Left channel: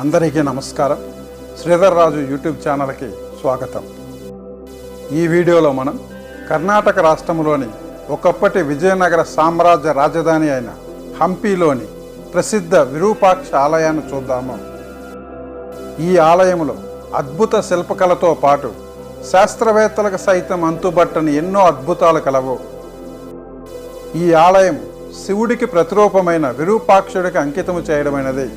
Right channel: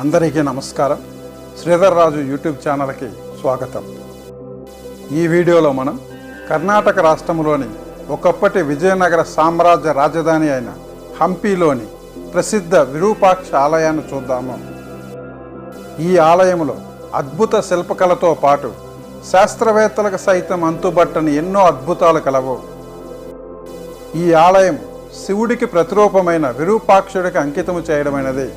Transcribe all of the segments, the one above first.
అందరికీ నమస్కారం. శ్రీధర్ రాజు యూట్యూబ్ ఛానల్కి స్వాగతం. ఈ వీడియోలో మనం కర్ణాటక రాష్ట్రంలోని ఒకప్పటి విజయనగర సామ్రాజ్య రాజధాని అయిన హంపీలోని ప్రసిద్ధ విరూపాక్ష ఆలయాన్ని చూద్దాము. ఈ ఆలయంలో అద్భుత శిల్పకళతో పాటు శాస్త్రవేత్తలకు సైతం అంతుబట్టని ఎన్నో అద్భుతాలు కలవు. ఈ ఆలయం శివుడికి ప్రతిరూపమైన విరూపాక్షుడికి అంకితము చేయడమైనది.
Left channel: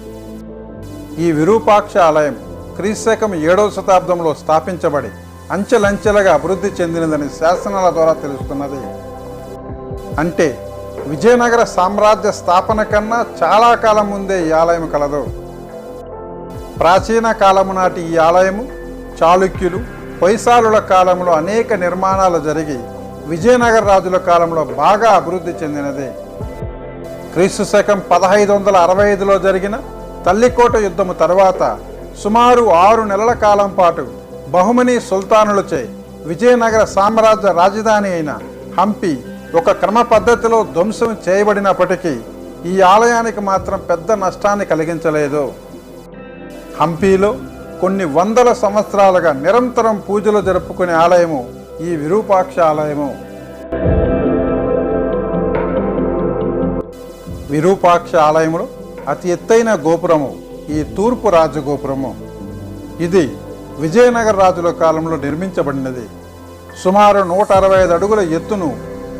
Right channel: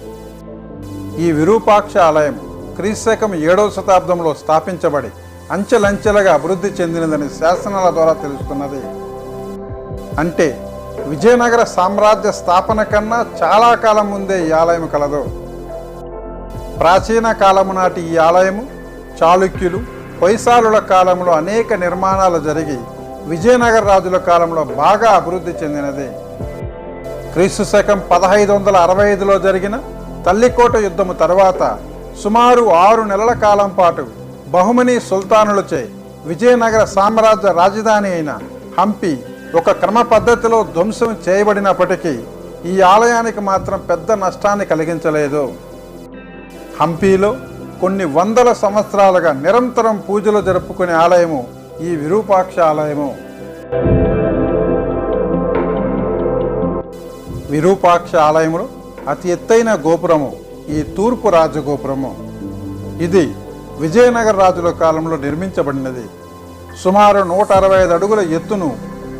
ఈ విరూపాక్ష ఆలయం క్రీస్తకం 7వ శతాబ్దంలో స్థాపించబడి అంచెలంచెలుగా అభివృద్ధి చెందినదని శాసనాల ద్వారా తెలుస్తున్నది. అంటే విజయనగర సామ్రాజ్య స్థాపన కన్నా చాలా కాలం ముందే ఈ ఆలయం కలదు. ప్రాచీన కాలము నాటి ఈ ఆలయము చాళుక్యులు, హొయసాలుల కాలంలో అనేక నిర్మాణాలు జరిగి విజయనగర రాజుల కాలంలో బాగా అభివృద్ధి చెందినది. క్రీస్తు శకం 1565లో జరిగిన తల్లికోట యుద్ధము తర్వాత సుమారు 6 నెలల కాలం పాటు బహుమనీ సుల్తానులచే విజయనగర సామ్రాజ్య రాజధాని అయిన హంపి ఒక క్రమ పద్ధతిలో ధ్వంసం చేయబడినప్పటికీ ఈ ఆలయానికి మాత్రం పెద్ద నష్టాన్ని కలిగించలేదు. హంపీలో కొన్ని వందల సంవత్సరాలుగా నిరంతరం పూజలు జరుపుకునే ఆలయము ఈ విరూపాక్ష ఆలయము. విరూపాక్ష ఆలయములో అతి ఎత్తైన గోపురము ఈ తూర్పు రాజగోపురము. ఇది విజయనగర రాజుల కాలంలో నిర్మించబడినది. సుమారు 165 అడుగుల ఎత్తును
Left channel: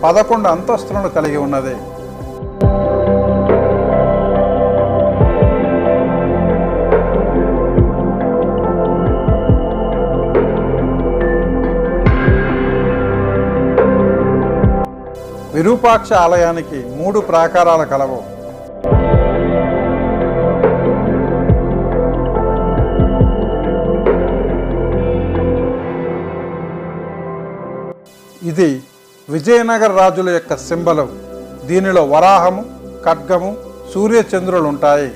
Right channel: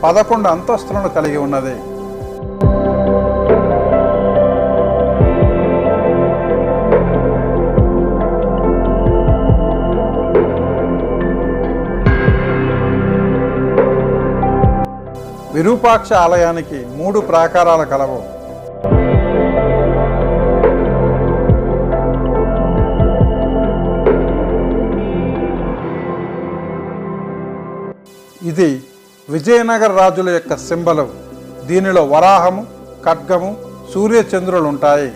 11 అంతస్తులను కలిగి ఉన్నది. విరూపాక్ష ఆలయానికి 3 ప్రాకారాలు కలవు. ఇది విజయనగర రాజుల యొక్క సింబలు. దీనిలో వరాహము, ఖడ్గము, సూర్యచంద్రులు ఉంటాయి.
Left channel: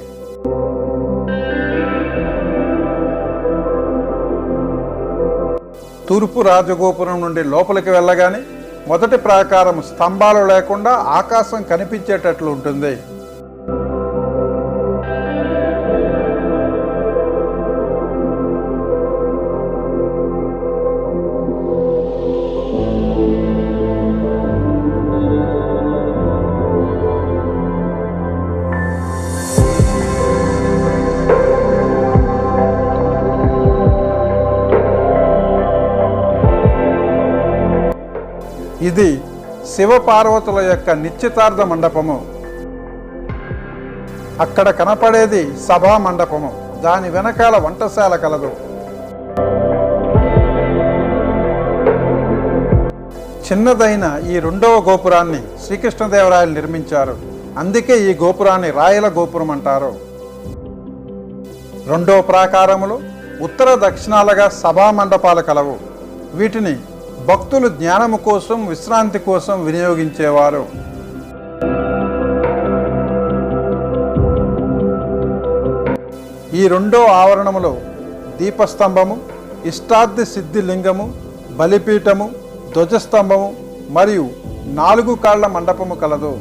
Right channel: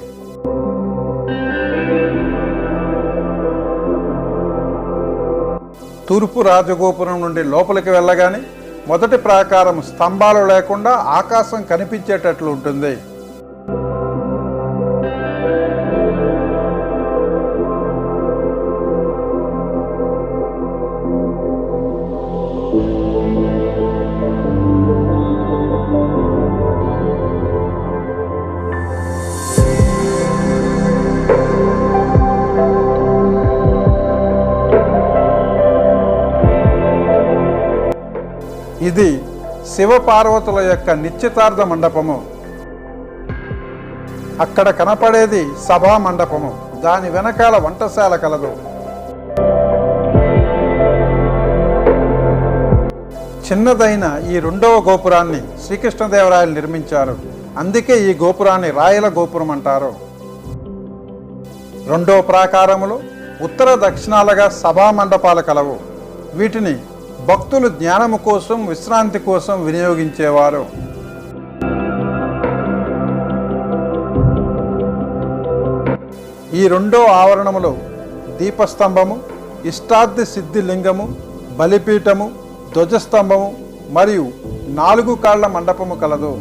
తూర్పు రాజగోపురం నుండి లోపలికి వెళ్ళగానే మొదటి ప్రాకారం స్తంభాలు లేకుండా ఆకాశం కనిపించేటట్లు ఉంటుంది. ఇది శివపార్వతుల యొక్క నిశ్చితార్థ మండపము. అక్కడ కనపడేది సభా మండపము. దాని వెనకాల వంటశాల కలదు. చిన్నదైన ఈ 2వ గోపురాన్ని శ్రీకృష్ణదేవరాయలు నిర్మించారు. అందుకే ఈ గోపురాన్ని రాయల గోపురం అంటారు. 2వ ప్రాకారములో ఉత్తర దక్షిణాలుగా సభా మండపాలు కలవు. వీటిని భక్తులు జ్ఞానము కోసం, విశ్రాంతి కోసం వినియోగించేవారు. ఈ 2వ ఆవరణములో దీపస్తంభము, ఇష్టార్థి సిద్ధి లింగము, బలిపీఠము, ధ్వజస్తంభము మరియు 4 కాళ్ల మండపము కలదు.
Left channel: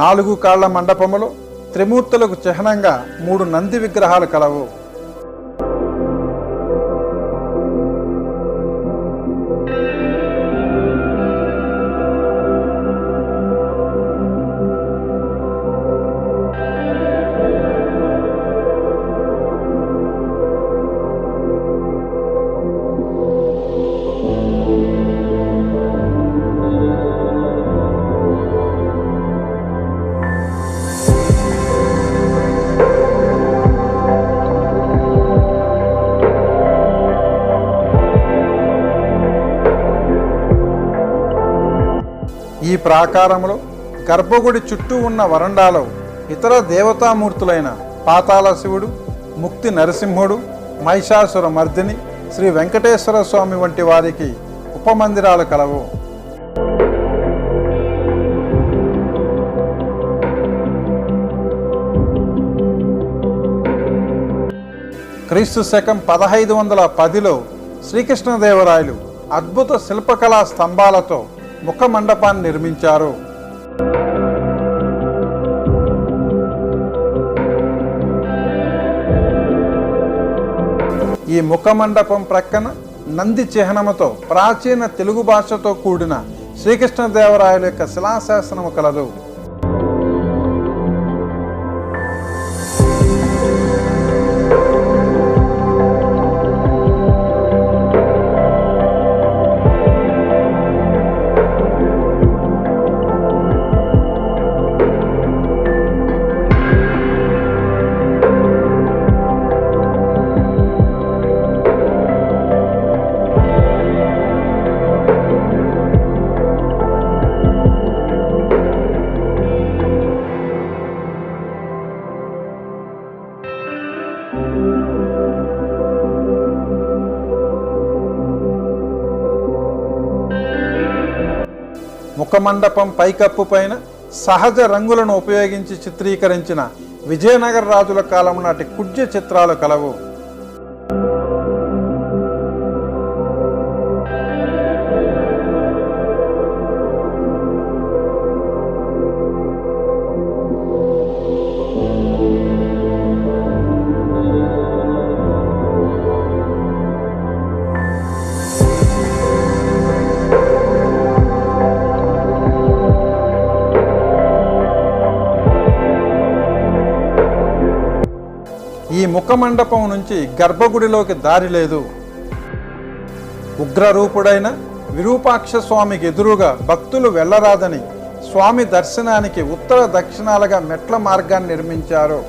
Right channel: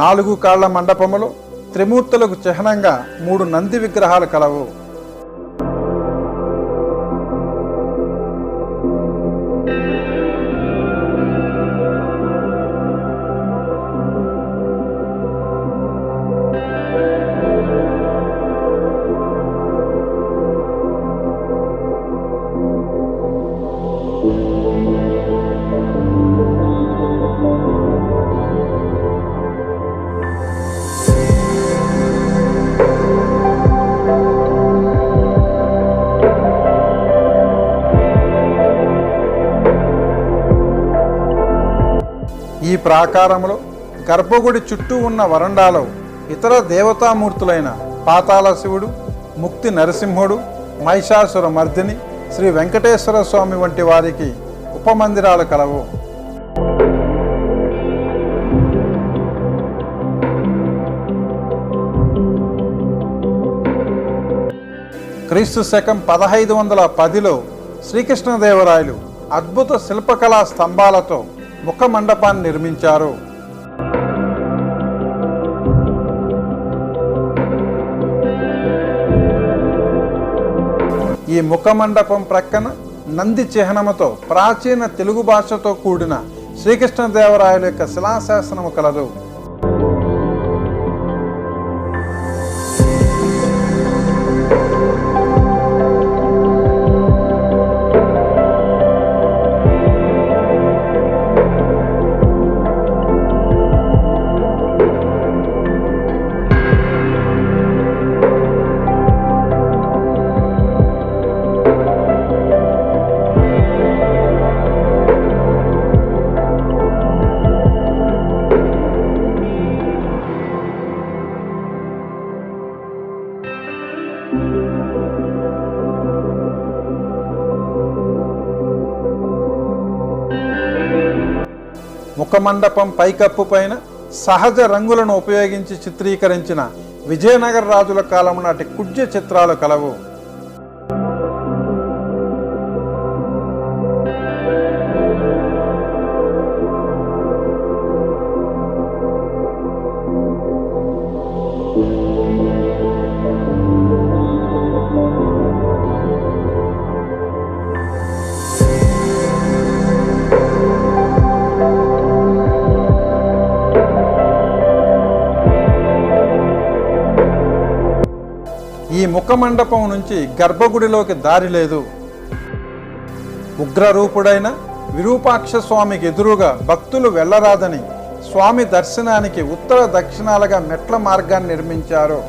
నాలుగు కాళ్ల మండపములో త్రిమూర్తులకు చిహ్నంగా 3 నంది విగ్రహాలు కలవు. ఈ ప్రాకారంలో గర్భగుడి చుట్టూ ఉన్న వరండాలో ఇతర దేవతామూర్తులైన పాతాళ శివుడు, ముక్తి నరసింహుడు, మహిషాసుర మర్దిని, శ్రీ వెంకటేశ్వర స్వామి వంటి వారికి ఉపమందిరాలు కలవు. క్రీస్తు శకం 1510లో శ్రీకృష్ణదేవరాయలు అద్భుత శిల్పకళా స్తంభాలతో ముఖ మండపాన్ని నిర్మించారు. ఈ ముఖ మండపం ప్రక్కన నంది చిహ్నముతో ప్రాచీన తెలుగు భాషతో కూడిన శ్రీకృష్ణదేవరాయల యొక్క శిలాశాసనము కలదు. ముఖమండపం పైకప్పు పైన సహజ రంగులను ఉపయోగించి చిత్రీకరించిన విజయనగర రాజుల కాలం నాటి కుడ్య చిత్రాలు కలవు. ఈ ముఖమండపం నుంచి గర్భగుడిలోకి దారి లేదు. ఉగ్రరూపుడైన విరూపాక్ష స్వామికి ఎదురుగా భక్తులు వెళ్ళరాదని స్వామి దర్శనానికి ఉత్తర దక్షిణాలుగా మెట్ల మార్గాన్ని నిర్మించారు.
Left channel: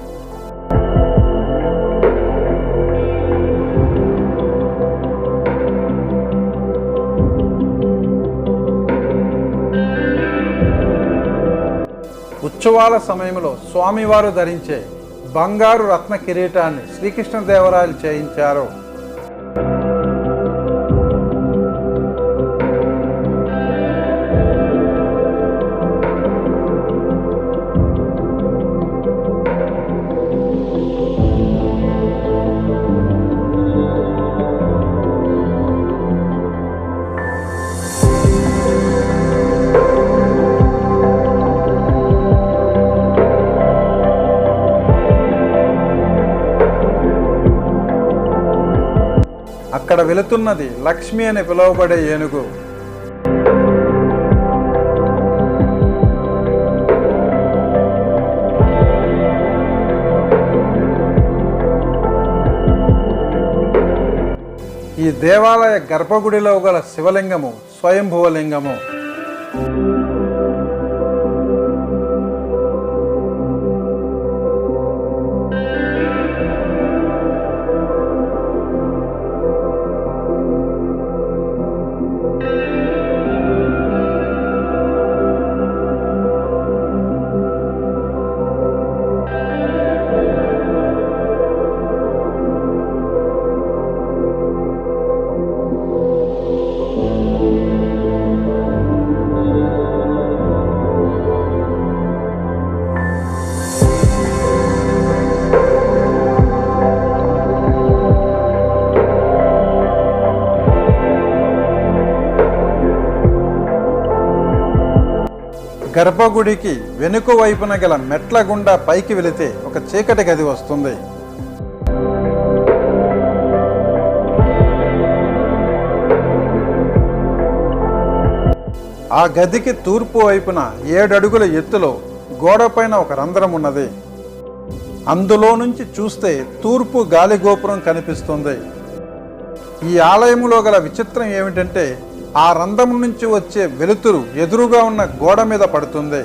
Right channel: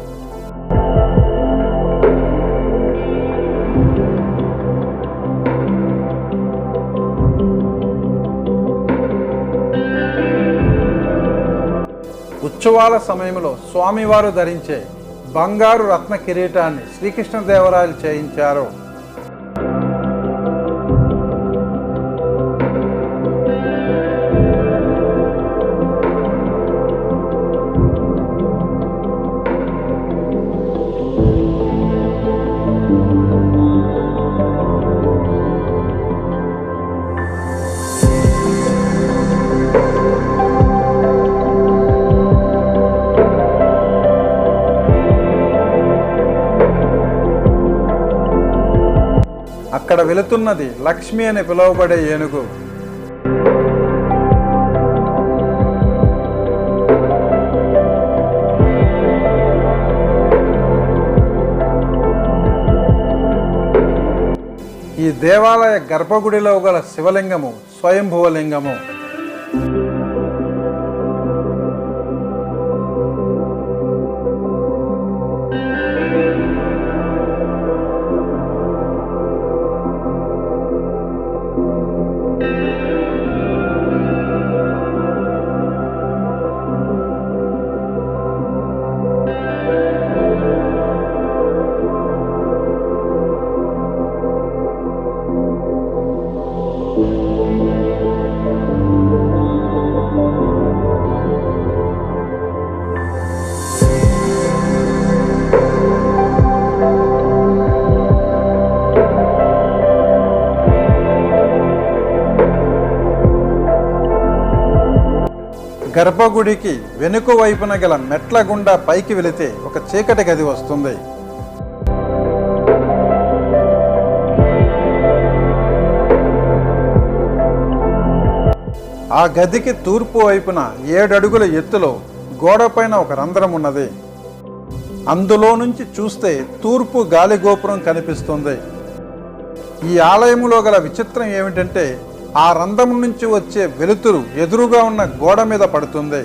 ఉత్సవాల సమయంలో స్వామివారు ధరించే బంగారు రత్న కిరీటాన్ని శ్రీకృష్ణదేవరాయలు చేయించారు. అక్కడ వెళుతున్నది లక్ష్మి అని పిలువబడే ఏనుగు. ఈ దేవాలయ గర్భగుడిలో గల శివలింగము స్వయంభువలింగము. గర్భగుడికి వెనుక వైపున గల మెట్ల గుండా పైకి వెళితే ఒక చీకటి గది వస్తుంది. ఆ గదికి తూర్పు వైపున 7 అడుగుల ఎత్తులో గోడపైన ఒక రంధ్రం ఉన్నది. అందులో నుంచి చూస్తే తూర్పు గాలి గోపురం కనిపిస్తుంది. ఈ ఆలయములో గల విచిత్రం ఏమిటంటే ఆ రంధ్రం నుంచి వచ్చే వెలుతురు ఎదురుగా ఉన్న గోడ మీద పడుతుంది.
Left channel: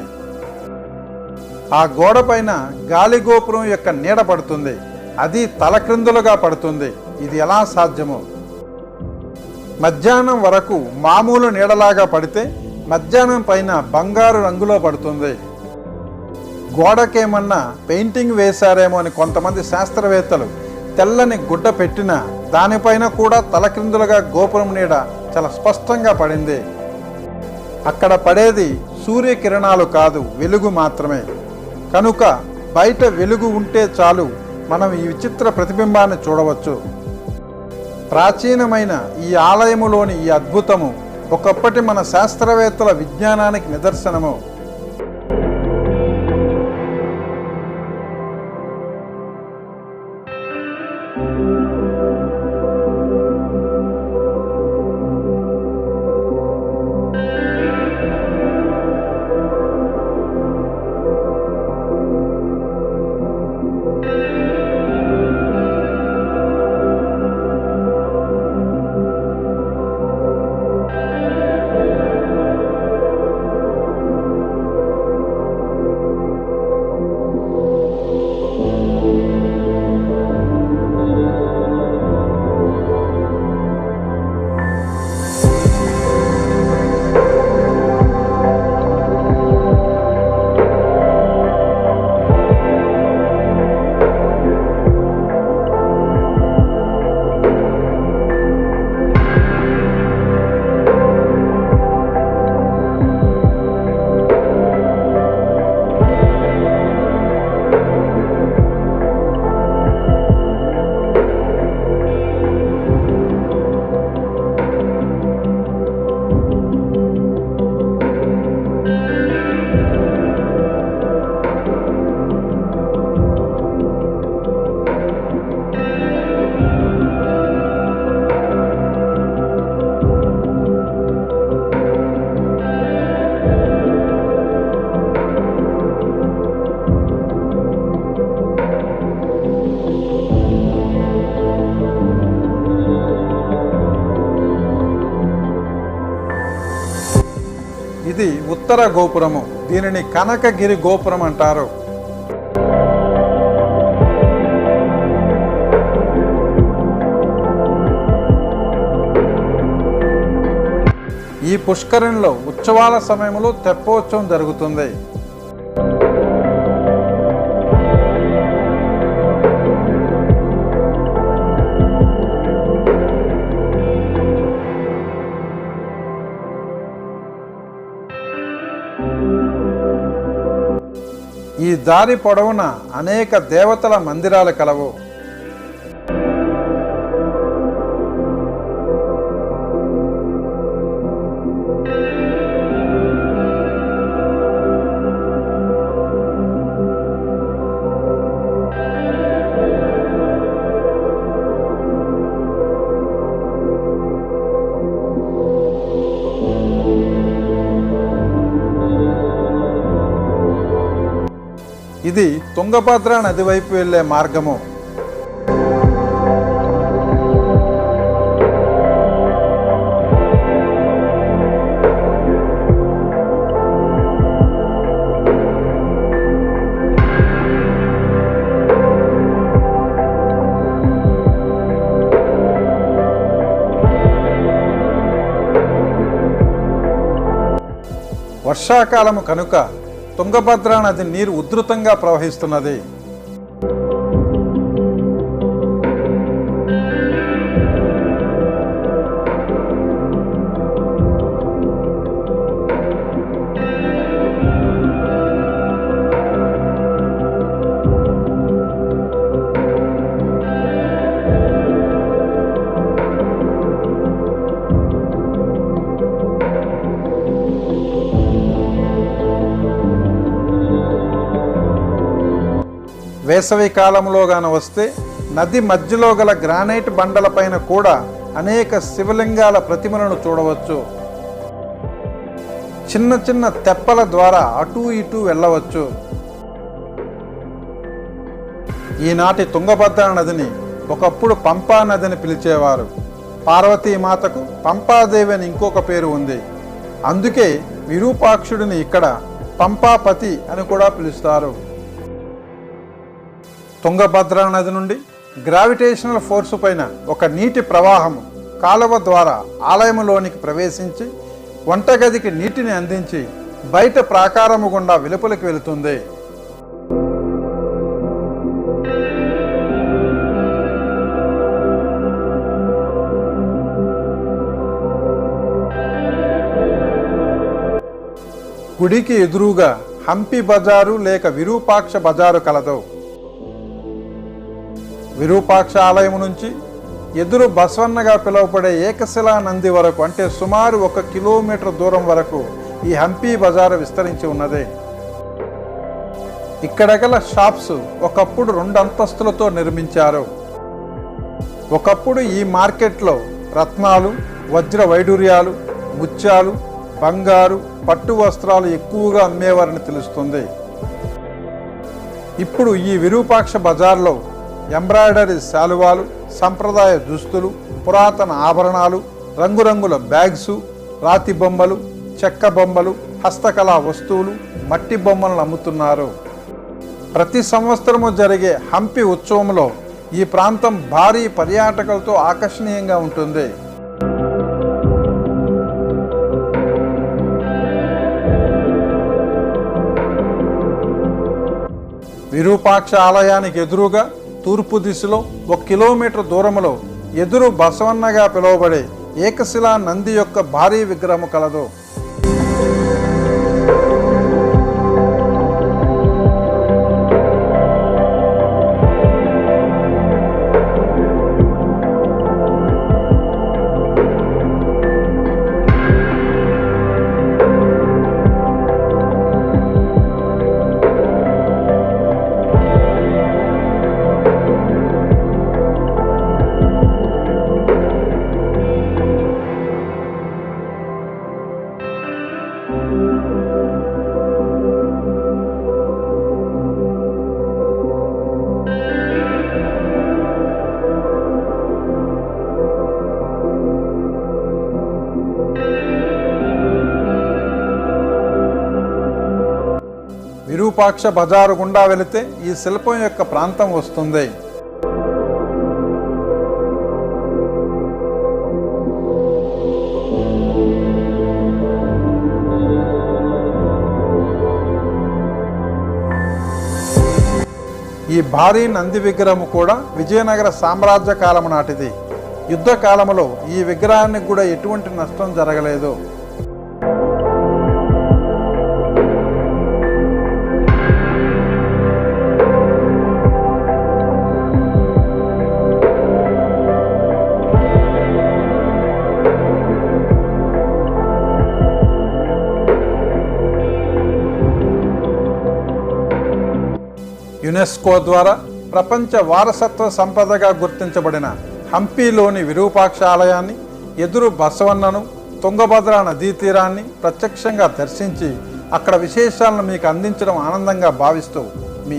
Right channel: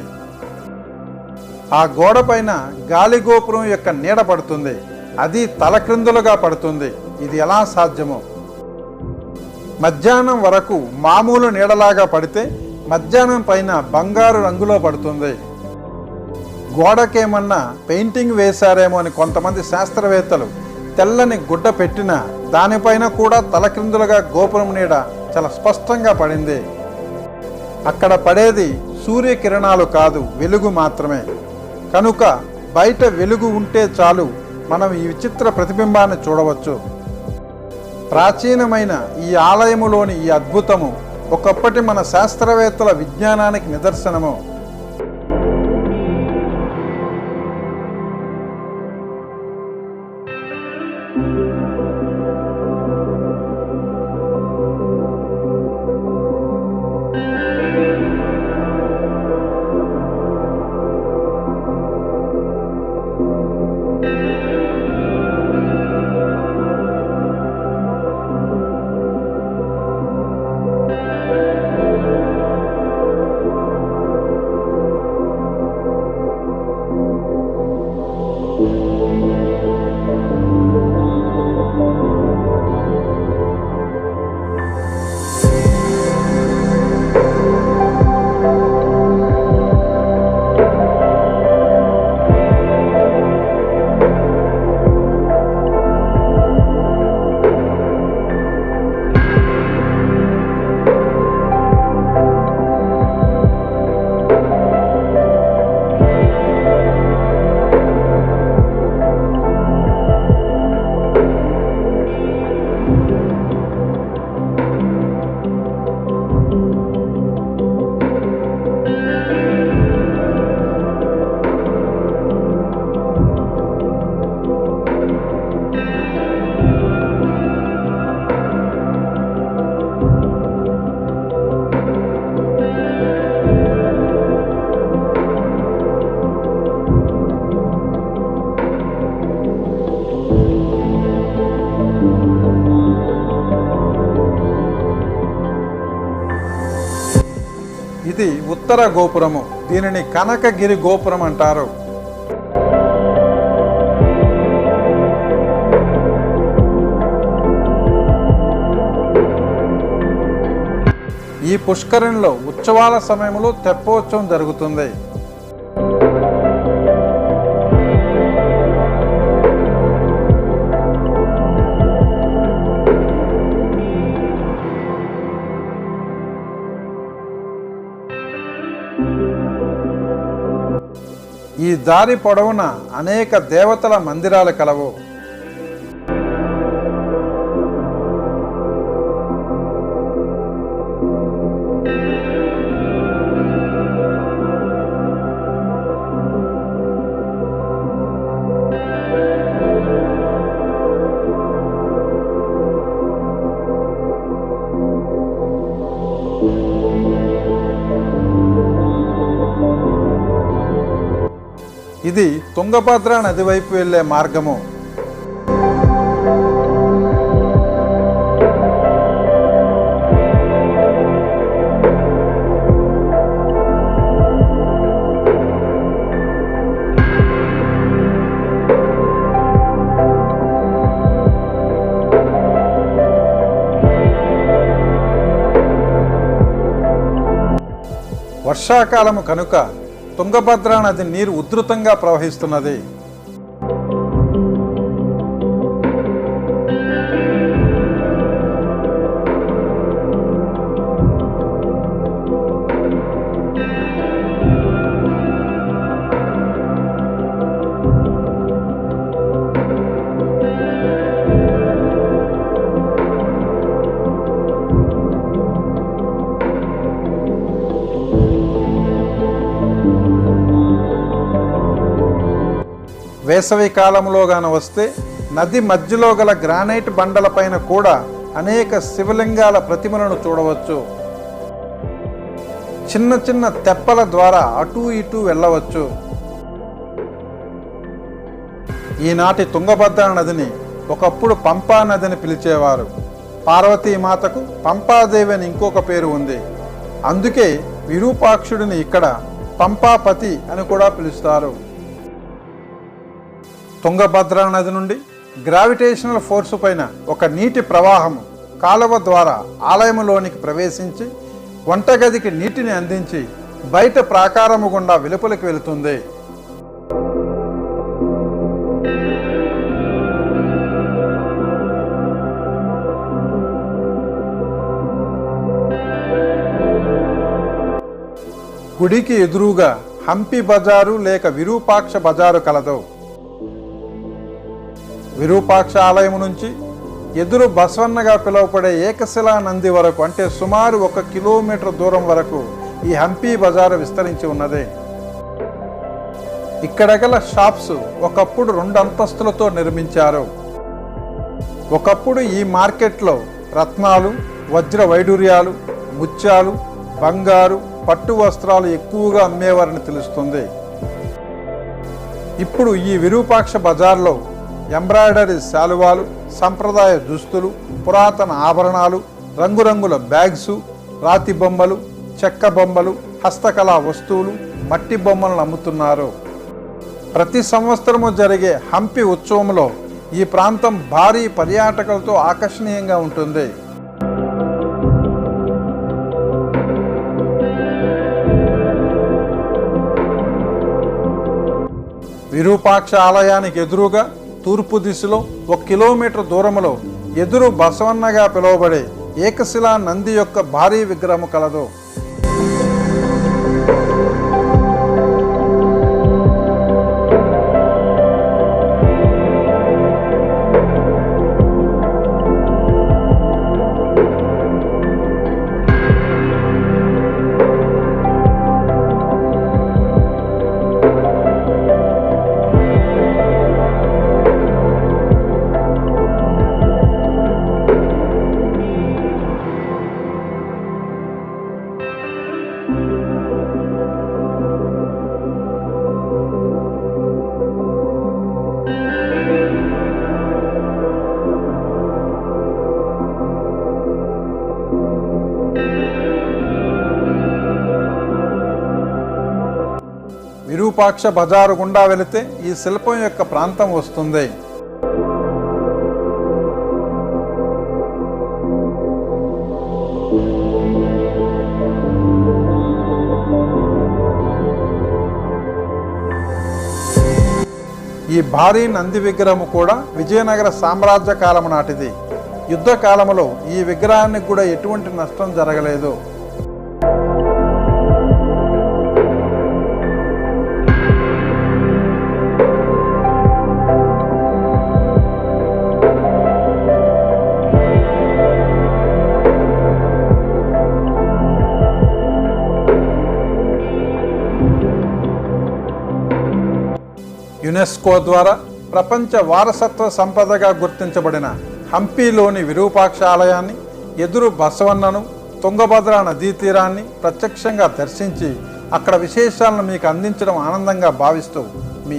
ఆ గోడ పైన గాలి గోపురం యొక్క నీడ పడుతుంది. అది తలక్రిందులుగా పడుతుంది. ఇది ఎలా సాధ్యమో? మధ్యాహ్నం వరకు మామూలు నీడలాగా పడితే మధ్యాహ్నం పైన బంగారు రంగులో పడుతుంది. గోడకేమన్నా పెయింటింగ్ వేశారేమో అని కొంతమంది శాస్త్రవేత్తలు తెల్లని గుడ్డ పెట్టినా దానిపైన కూడా తలక్రిందులుగా గోపురం నీడ చాలా స్పష్టంగా పడింది. అక్కడ పడేది సూర్యకిరణాలు కాదు, వెలుగు మాత్రమే. కనుక బయట వెలుగు ఉంటే చాలు మనం ఈ విచిత్ర ప్రతిబింబాన్ని చూడవచ్చు. ప్రాచీనమైన ఈ ఆలయములోని ఈ అద్భుతము ఒకప్పటి మన శాస్త్రవేత్తల విజ్ఞానానికి నిదర్శనము. ఇది ఉత్తర గోపురము. దీనిని కనకగిరి గోపురం అంటారు. ఈ పుష్కరిణిలో ఉత్సవాల సమయంలో తెప్పోత్సవం జరుగుతుంది. ఈ దారి పొడవున అనేక దేవతల మందిరాలు కలవు. ఇది తుంగభద్ర నది వైపు వెళ్లే మార్గము. వర్షాకాలము కనుక తుంగభద్ర నది నీరు ఉధృతంగా ప్రవహిస్తున్నది. వేసవి కాలంలో గాన వస్తే నది మధ్యలో గల గ్రానైట్ బండలపైన కూడా అనేక శివలింగాల ప్రతిమలను చూడవచ్చు. చిన్న చిన్న తెప్పల ద్వారా అటూ ఇటూ వెళ్ళవచ్చు. ఈనాటి తుంగభద్ర నదిని ఒకప్పుడు పంపా నదిని పిలిచేవారు. పార్వతీమాతకు పంపాదేవి అని ఇంకొక పేరు ఉంది. అందుకే విరూపాక్షుడిని ఇక్కడ పంపాపతి అని కూడా పిలుస్తారు. తుంగభద్ర నది నుండి గ్రావిటేషనల్ ఫోర్సు పైన ఒక నీటి ప్రవాహము కాలువ ద్వారా ఆలయంలోనికి ప్రవేశించి వంటగదికి నీటిని అందించి బయట ప్రాకారము గుండా వెలుపలికి వెళుతుంది. గుడికి ఎదురుగా హంపి బజారు లేక విరూపాక్ష బజారు కలదు. విరూపాక్ష ఆలయం నుంచి ఎదురు బసవన్నగా పిలువబడే ఏకశిలా నంది వరకు, అంటే సుమారు 1 కిలోమీటర్ దూరం వరకు ఈ హంపి బజారు విస్తరించి ఉన్నది. ఇక్కడ గల షాప్స్ ఒకప్పుడు 2 అంతస్తులతో నిర్మించారు. ఒకప్పుడు ఈ మార్కెట్లో రత్నాలు, వజ్ర వైడూర్యాలు, ముత్యాలు, బంగారు, పట్టు వస్త్రాలు ఎక్కువగా అమ్మేవారని తెలుస్తుంది. ఇప్పుడు ఈ విరూపాక్ష బజార్లో ఎంబ్రాయిడరీ శాలువాలు, సంప్రదాయ దుస్తులు, పురాతన ఆభరణాలు, రంగురంగుల బ్యాగ్సు, రాతి బొమ్మలు, చెక్క బొమ్మలు, హస్తకళా వస్తువులు, మట్టి బొమ్మలను అమ్ముతున్నారు. ప్రతి సంవత్సరము జరిగే హంపి ఉత్సవంలో ఈ ప్రాంతం భారీ పర్యాటకులతో ఆకర్షణీయంగా ఉంటుంది. విరూపాక్ష ఆలయానికి ఎదురుగా తూర్పు దిశలో 1 కిలోమీటర్ దూరంలో ఎదురు బసవన్నగా పిలువబడే ఏకశిలా నంది యొక్క భారీ విగ్రహం కలదు. విరూపాక్ష బజారు గుండా వెళితే ఈ శిల్పం యొక్క ప్రాంతం వస్తుంది. ఈ భారీ నంది విగ్రహం కూడా విజయనగర సామ్రాజ్య కాలం నాటిది. యుద్ధ కాలంలో ఈ విగ్రహానికి కూడా ఎటువంటి నష్టం జరగలేదు. యునెస్కో ద్వారా ప్రపంచ వారసత్వ సంపదగా గుర్తించబడిన హంపిలోని విరూపాక్ష ఆలయాన్ని, ఎదురు బసవన్నను, తుంగభద్ర నదీ తీరాన్ని ప్రత్యక్షంగా దర్శించి అక్కడ విశేషాలను మీకు అందించడం ఆనందంగా భావిస్తూ మీ